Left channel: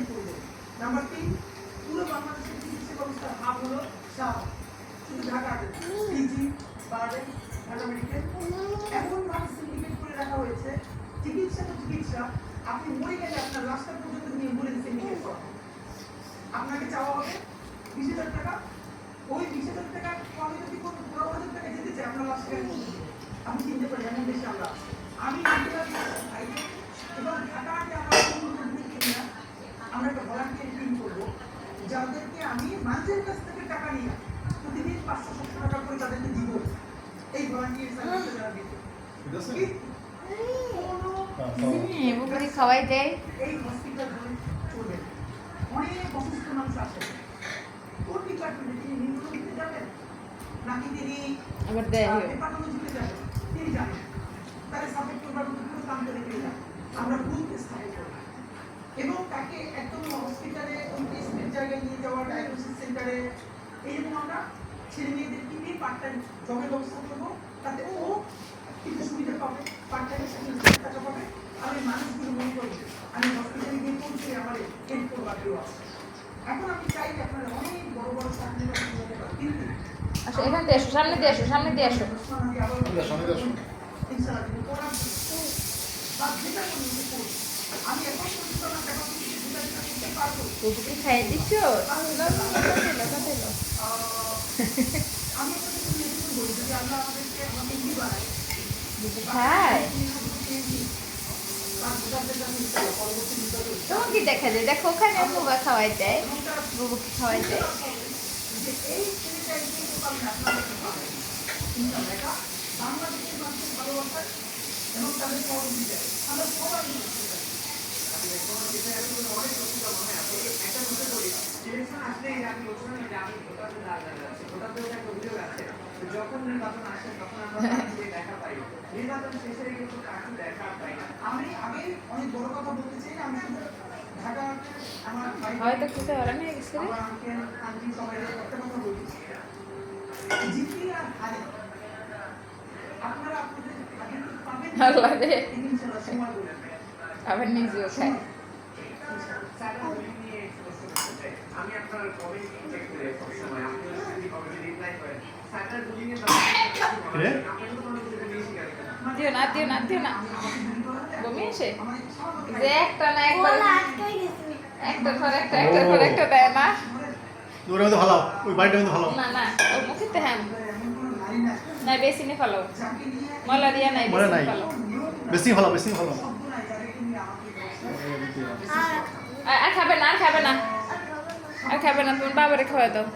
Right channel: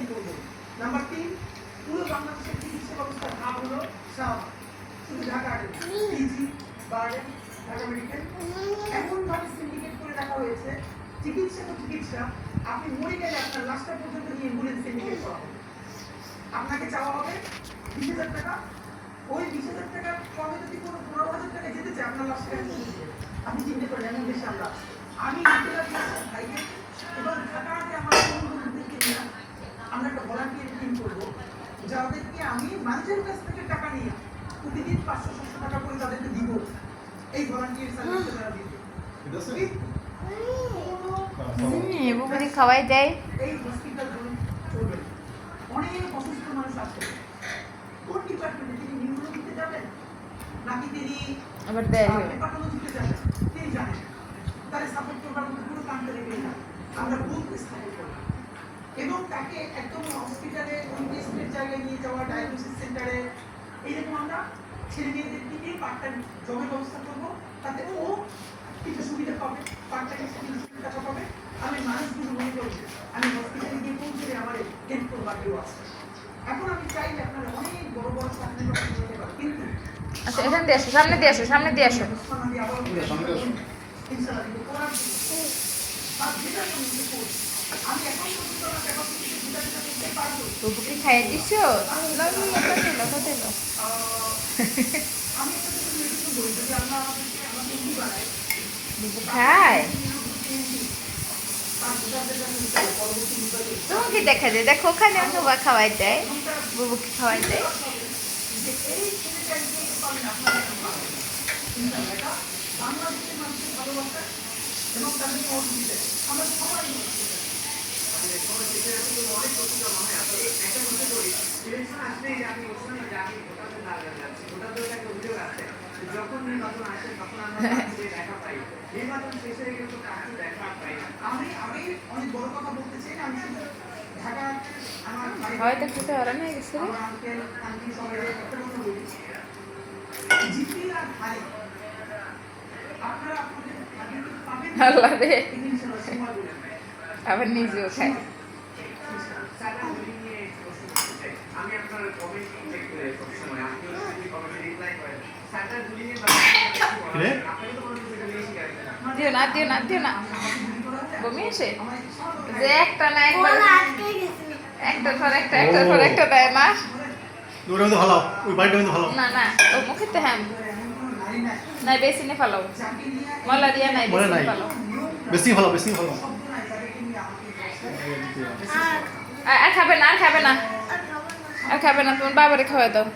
Design করবো। Number 3, পুরো বাংলাদেশের চিকিৎসা ব্যবস্থার হাব হলো শাহবাগ, শুধু ঢাকা পিজি, বারডেম, ঢাকা মেডিকেল এমনভাবে সিন্ডিকেট করে রাখা হয়েছে। চিকিৎসা তো চিকিৎসা, আপনি মরে গেলে আপনার লাশটা পর্যন্ত নিয়ে অ্যাম্বুলেন্স সিন্ডিকেট করা হবে। আপনাকে চাওয়া হবে 20,000 টাকা, ওই 20,000 টাকার কমে যদি কোনো 15,000 টাকা যেতে চায় আপনার লাশটা আপনি চিনতে পারেন এমন দেশে আমি ভাইকে এবং ঢাকাতে আমার বন্ধুদেরকে নিয়ে আমরা একটা ভলান্টিয়ার টিম করবো, যাদেরকে আমি মানুষের কাছ থেকে টাকা নিয়ে প্রতিদিন 500-600 টাকা করে তাদেরকে দিব। এই ভলান্টিয়ার সার্ভিসে যারা দিবে খাওয়াই দেয়। এই হসপিটালগুলো চলবে। অনেক অসুস্থ মানুষ আছে, কোন ডিপার্টমেন্টে তিনি নিউরোলজিতে যাবেন নাকি তিনি আবার দেয় হেপাটোলজিতে যাবেন তিনি জানেন। তার সাপোর্ট প্রোগ্রাম পুরো প্রান্তে রেখে আমরা বুথ স্থাপন করব এবং তাকে একদম হসপিটালে ওই ট্রিটমেন্ট জায়গায় নিয়ে যাওয়া, ডায়াগনোসিস সেন্টারে এরকম আমরা ছেলে মেয়েদেরকে নিয়ে পার্ট টাইম জবের ব্যবস্থা করবো, তাতে ও কিছু সুবিধা পাবে, পার্ট টাইম টাকা পাবে। আমি মানুষগুলো মনে করি আমি হসপিটালে গিয়ে পৌঁছে আমার হেল্প করবার কেউ আছে। এখন আমি চাই যে আপনারা অনেক বড় বড় স্বপ্ন নিতে পারেন, কিন্তু আচ্ছা এখান দিয়ে আসো, সামনে দিয়ে আসো, সামনে দিয়ে আসো। তুমি কি খাইয়ে দিছো? খায় তোমাকে দেখা যায়, দেখো ওখানে বাবা খাওয়াই দেয়, বুবুকে খাওয়াই দেয়। বাংলাদেশের মানুষের ভালোবাসা এবং তাদের সহযোগিতা আমরা সবাই যখন নির্বাচন আসে তখন আমরা দেখা পাই, নির্বাচন শেষে কিন্তু কাউকে দেখা পাই না। আমি অনেক বড় কথা বলতে চাই না, আমি শুধু ঢাকা আমার হয়তো কিছু ওরা নিয়ে গেছে রে আঙ্কেল আন্টি সবাই একটা কথা বলি, জিপি আর হারে আপনারা আপনাদের পাবেন আল্লাহ রে, ইনশাআল্লাহ সময় বলে আবার নিজেও খায়। আমি আপনার কমেন্ট চেক করে সব সময় আপনি যদি কমেন্টে রিপ্লাই করেন স্যাটার গুলি নিয়ে আপনি তো কোনো কিছু বেশি করেন দিও না, দিও না, দিও না, বমি আসে যে একটা না একবার একটা ধর একটা দেয় মা। ওর মধ্যে ভালো, ওই বাড়িটার মধ্যে ভালো। না না ওর মুখে তো হ্যাঁ নাই, বেশি নে ফেলো মালারিয়া নাই, বেশি নে ফেলো, বেশি ভালো, বেশি ভালো। আর খাবে না, আর খাবে না, আর খাবে না, তোমার বাবারে খাওয়া দাও।